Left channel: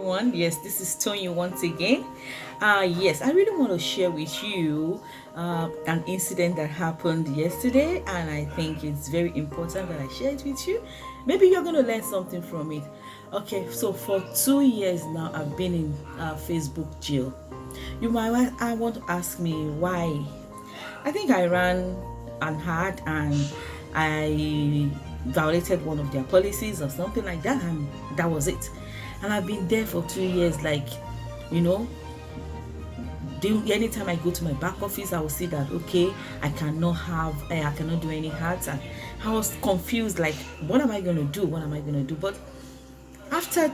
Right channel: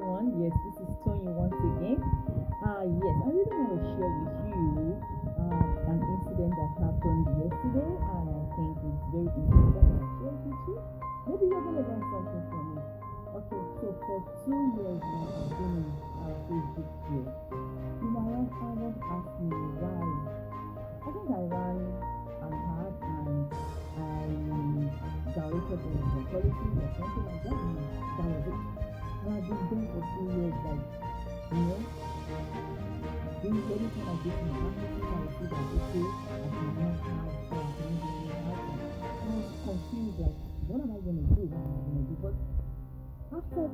everyone. Yes, this is Tony once again. Yes, I really want to share with you an incident that happened yesterday, and I think it's very important that I share it with you. Maybe you're going to learn something from it. Okay, so for 2 years now, I've been in Facebook jail. You might I want to ask me why. I think I ran an ad and I violated one of their policies or something like that, and that was it. And I've been there for 2 years, like, you know, anytime I go to my back office, I will see that okay, I cannot do any ads, and I was confused, like, what am I gonna do? What am I gonna do? But after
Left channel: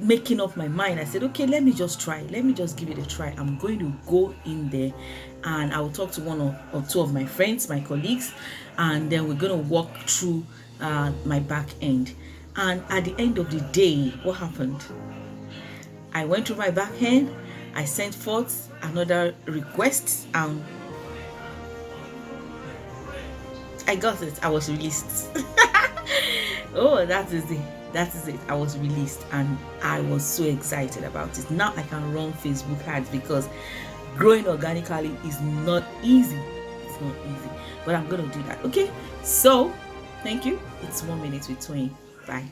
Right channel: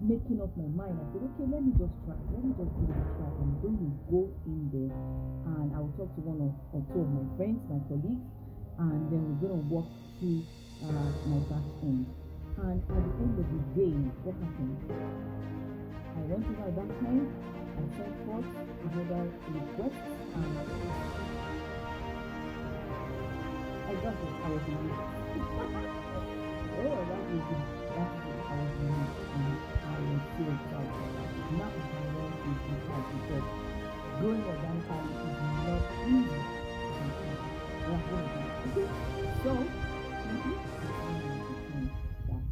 making up my mind, I said, okay, let me just try. Let me just give it a try. I'm going to go in there and I will talk to one or two of my friends, my colleagues, and then we're going to walk through my back end. And at the end of the day, what happened? I went through my back end. I sent forth another request. I got it. I was released. Oh, that is it. I was released and I was so excited about it. Now I can run Facebook ads because growing organically is not easy. It's not easy. But I'm gonna do that. Okay. So thank you. It's 1 minute with Twain. Bye.